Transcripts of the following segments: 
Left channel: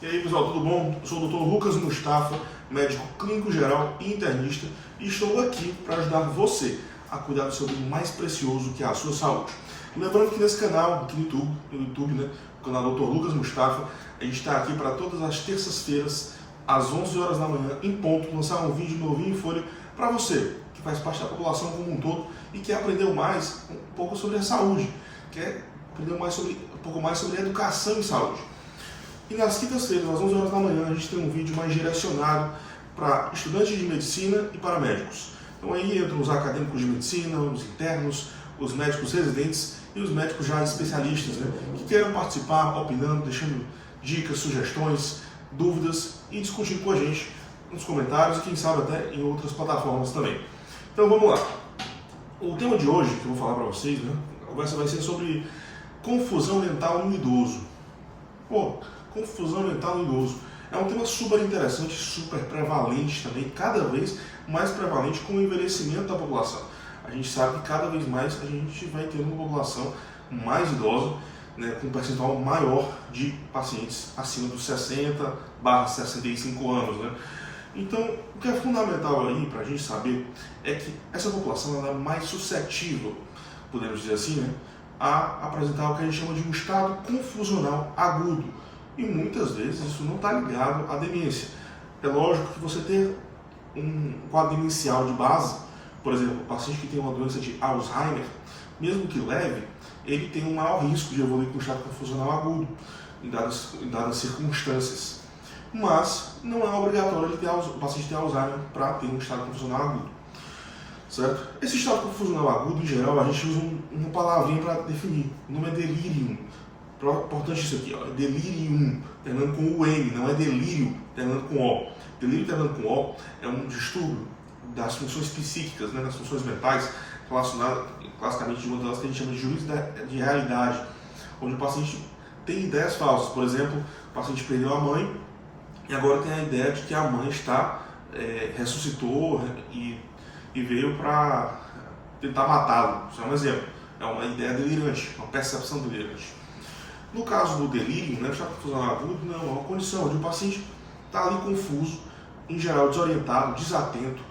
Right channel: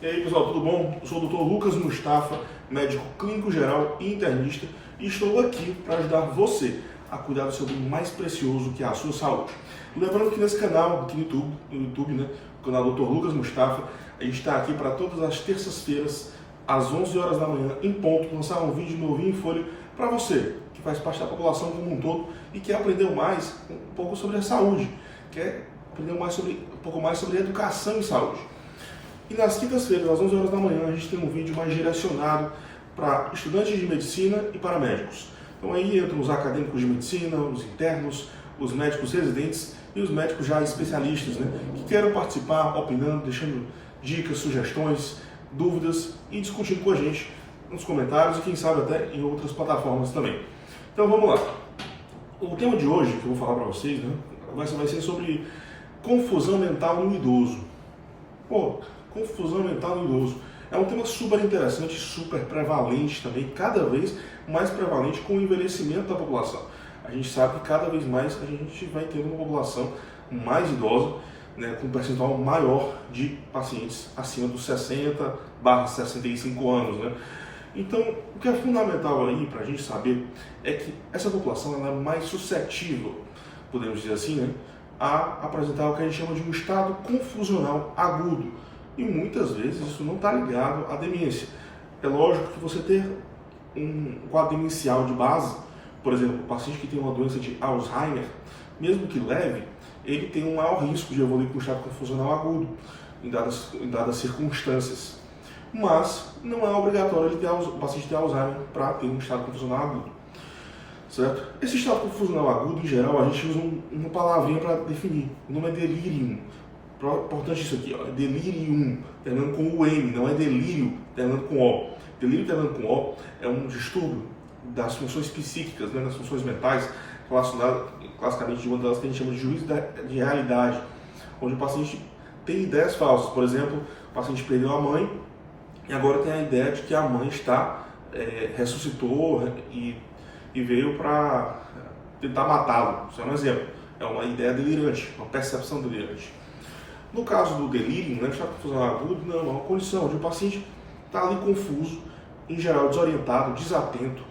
E aí pessoal, tudo bom? Eu sou o Dr. Lucas Mustafa, médico clínico geral e internista, e estou aqui para ajudar você a cuidar do seu bem mais precioso, que é a sua saúde. Lembrando que nesse canal, aqui no YouTube, né, o canal Dr. Lucas Mustafa, a gente está aqui para todas as terças-feiras, às 11 horas da manhã, em ponto, lançar um vídeo novinho em folha para você, que faz parte da população como um todo e quer aprender mais um pouco sobre a saúde, quer aprender um pouco mais sobre educação em saúde. E nas quintas-feiras, às 11 horas da manhã, a gente tem um vídeo mais direcionado para estudantes de medicina e para médicos. Então aí entram os acadêmicos de medicina, os internos, os médicos residentes e os médicos já especialistas, né, que queiram participar, opinando, deixando dicas, sugestões, dúvidas e discutindo com a gente nos comentários e quem sabe até em outras plataformas também. Então vamos lá. O tema de hoje que eu vou falar para vocês, né, a conversa vai ser sobre confusão mental no idoso. Confusão mental no idoso é um tema super interessante, super prevalente também, cada vez mais prevalente com o envelhecimento da população. A gente sabe que cada vez mais a gente vai tendo uma população mais idosa, né, com um percentual maior de pacientes acima dos 60/65 anos, né? Então, o que é fundamental aí para a gente saber é que essa população ela é mais suscetível, podemos dizer assim, né, a apresentar o que a gente chama de um estado confusional agudo. E muitas vezes isso não está ligado à demência. É lógico que você ter um quadro demencial de base, por exemplo, o paciente que tem uma doença de Alzheimer, mesmo que leve, ele tem um maior risco de evoluir com um estado confusional agudo, em dadas circunstâncias. Mas não é obrigatório o paciente ter Alzheimer para ter um estado confusional agudo. Certo? Esse estado confusional agudo, em geral, a gente usa uma palavrinha para definir. O nome é delirium. Importante isso aqui, ó, é delirium, terminando com o M, não é delírio, terminando com O. Delírio terminando com O é um distúrbio das funções psíquicas, né, das funções mentais, relacionado classicamente de uma delas que a gente chama de juízo de realidade, onde o paciente tem ideias falsas. Por exemplo, o paciente perdeu a mãe e agora tem a ideia de que a mãe ressuscitou e veio para tentar matá-lo. Isso é um exemplo. É uma ideia delirante, uma percepção delirante. No caso do delírio, né, estado confusional agudo, não, é uma condição onde o paciente está ali confuso, em geral desorientado, desatento,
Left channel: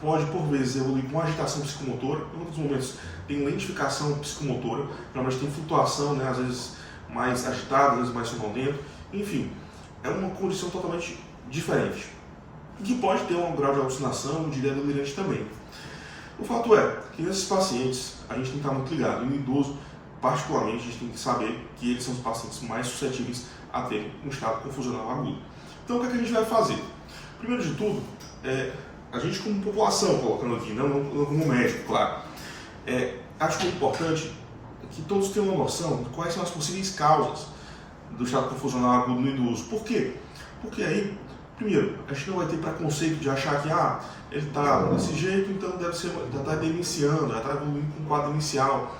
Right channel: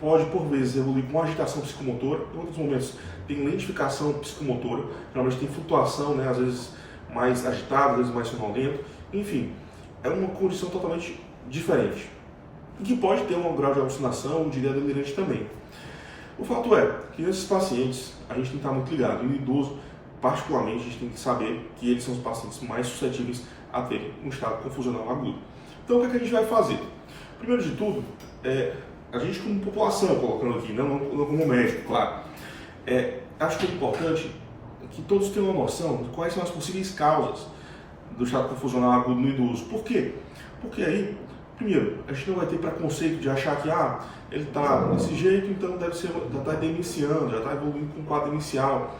pode por vezes evoluir com agitação psicomotora, em outros momentos tem lentificação psicomotora, geralmente tem flutuação, né, às vezes mais agitada, às vezes mais sonolento, enfim, é uma condição totalmente diferente, e que pode ter um grau de alucinação, de ideia delirante também. O fato é que nesses pacientes a gente tem que estar muito ligado, e no idoso particularmente, a gente tem que saber que eles são os pacientes mais suscetíveis a terem um estado confusional agudo. Então, o que é que a gente vai fazer? Primeiro de tudo, a gente como população, colocando aqui, não como médico, claro, acho que é importante que todos tenham uma noção de quais são as possíveis causas do estado confusional agudo no idoso. Por quê? Porque aí, primeiro, a gente não vai ter preconceito de achar que ele está desse jeito, então deve ser, já está demenciando, já está evoluindo com um quadro demencial.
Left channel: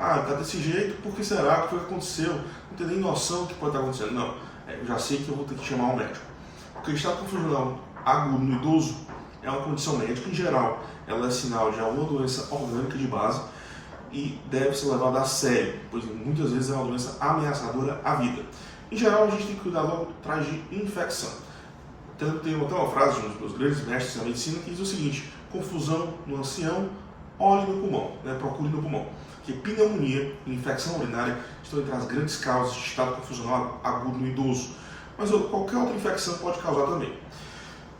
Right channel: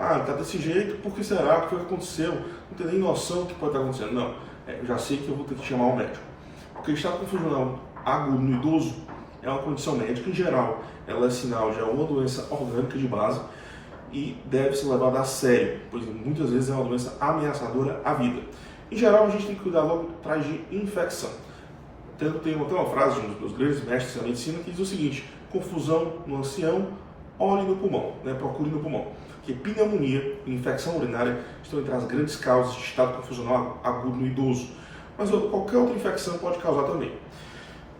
Está desse jeito, por que será? O que foi que aconteceu? Não tem nem noção do que pode estar acontecendo. Não, eu já sei que eu vou ter que chamar um médico. Porque o estado confusional agudo no idoso é uma condição médica em geral. Ela é sinal de alguma doença orgânica de base e deve ser levada a sério, pois muitas vezes é uma doença ameaçadora à vida. Em geral, a gente tem que cuidar logo atrás de infecção. Tem até uma frase de um dos grandes mestres da medicina que diz o seguinte: confusão no ancião, olhe no pulmão, né? Procure no pulmão. Que pneumonia e infecção urinária estão entre as grandes causas de estado confusional agudo no idoso. Mas qualquer outra infecção pode causar também.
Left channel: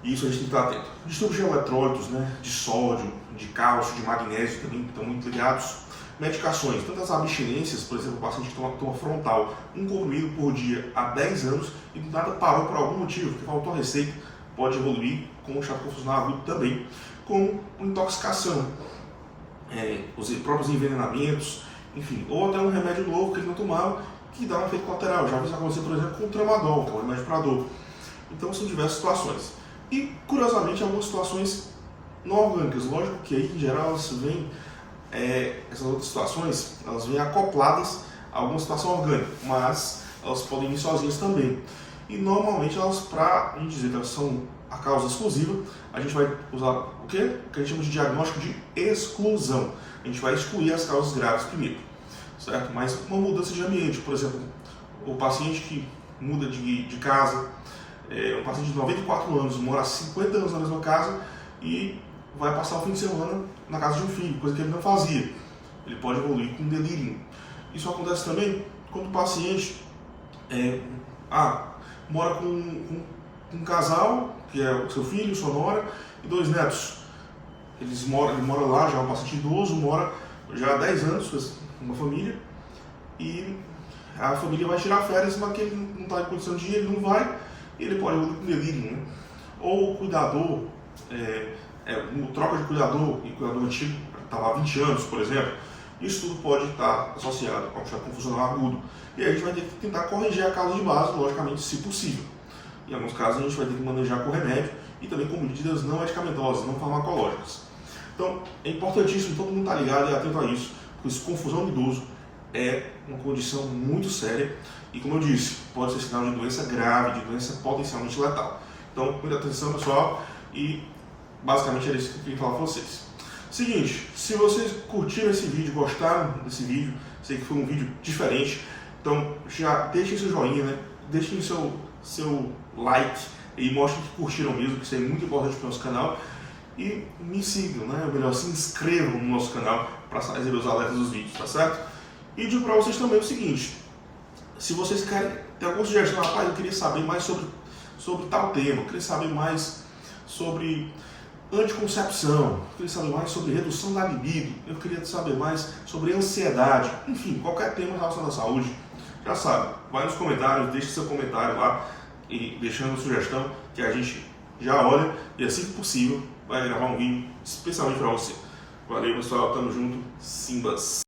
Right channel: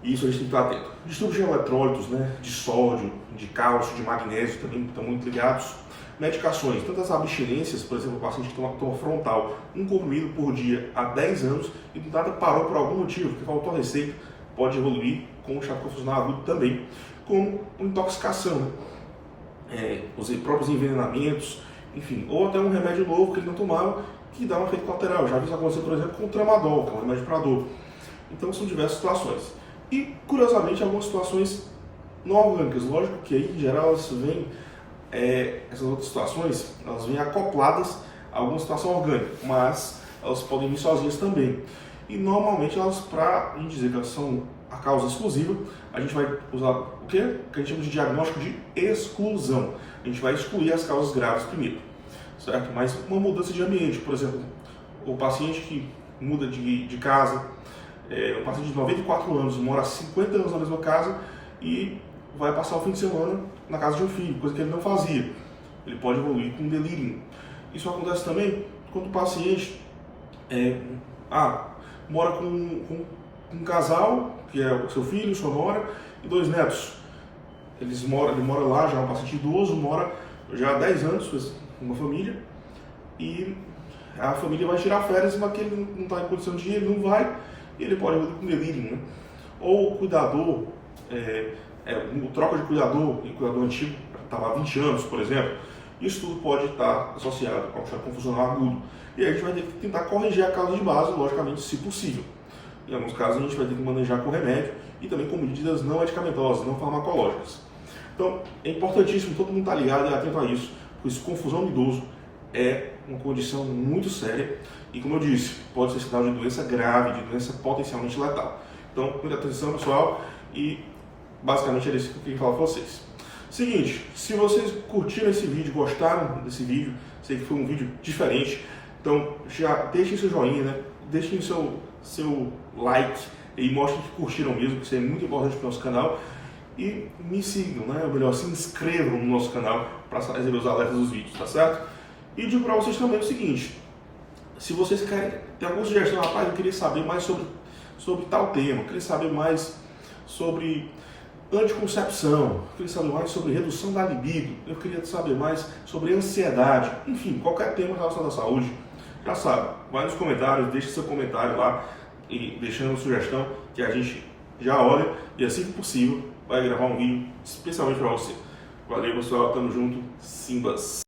E isso a gente tem que estar atento. Distúrbios de eletrólitos, né, de sódio, de cálcio, de magnésio também estão muito ligados. Medicações, tantas abstinências, por exemplo, o paciente que toma frontal, um comprimido por dia há 10 anos e do nada parou por algum motivo, que faltou a receita, pode evoluir com o estado confusional agudo também, como intoxicação. Os próprios envenenamentos, enfim, ou até um remédio novo que ele não tomava, que dá um efeito colateral. Já vi isso acontecer, por exemplo, com o tramadol, que é um remédio para dor. Então são diversas situações. E, curiosamente, algumas situações não orgânicas. Lógico que aí, em geral, elas vêm, essas outras situações, elas vêm acopladas a alguma situação orgânica, mas elas podem vir sozinhas também. E, normalmente, elas, para a gente dizer que elas são a causa exclusiva, a gente vai usar o quê? Que a gente chama de diagnóstico de exclusão. A gente vai excluir as causas graves primeiro, certo? Mas uma mudança de ambiente, por exemplo, o paciente que muda de casa. Um paciente de 94 anos mora há 50 anos na mesma casa e vai passar o fim de semana na casa de um filho, coisa que ele não fazia. Ele pode evoluir com delírio. Isso acontece também quando o paciente mora com um casal, que é o seu filho, sua nora e 2 netos. Ele mora lá, já é um paciente idoso, mora já há 10 anos com uma família, e a família vai tirar férias, mas que ele não está em condição de ir, ele não vai, e ele pode evoluir com delírio, né? Ou o cuidador, troca de cuidador, e o cuidador antigo estava há 20 anos, por exemplo, isso tudo pode estar associado com um funcional agudo. E aí a gente vai ter que tentar corrigir a causa de base, logicamente, se possível. Em alguns casos a gente vai ter que manejar com remédio e também com medidas não medicamentosas, não farmacológicas. Então é importantíssimo todo mundo estar ligado e atento a isso, porque confusão do idoso é uma condição muito séria e, como eu disse, pode ser sinal de doença grave, de doença potencialmente letal. Então, muita atenção, pessoal, e basicamente era isso que eu queria falar para vocês. Seguinte, se vocês curtiram esse vídeo, gostaram desse vídeo, sei que foi um vídeo diferente, então já deixem seu joinha, né? Deixem seu like e mostrem que curtiram mesmo, que isso é muito importante para o nosso canal. E me sigam, né? Ou melhor, se inscrevam no nosso canal para receber os alertas dos vídeos, tá certo? E digo para vocês também o seguinte: se vocês querem ter alguma sugestão, rapaz, eu queria saber mais sobre tal tema, eu queria saber mais sobre anticoncepção, eu queria saber mais sobre redução da libido, eu queria saber mais sobre ansiedade, enfim, qualquer tema relacionado à saúde, já sabe, vai nos comentários, deixa seu comentário lá e deixando uma sugestão que a gente já olha e assim que possível vai gravar um vídeo especialmente para você. Valeu, pessoal, tamo junto, Simbas!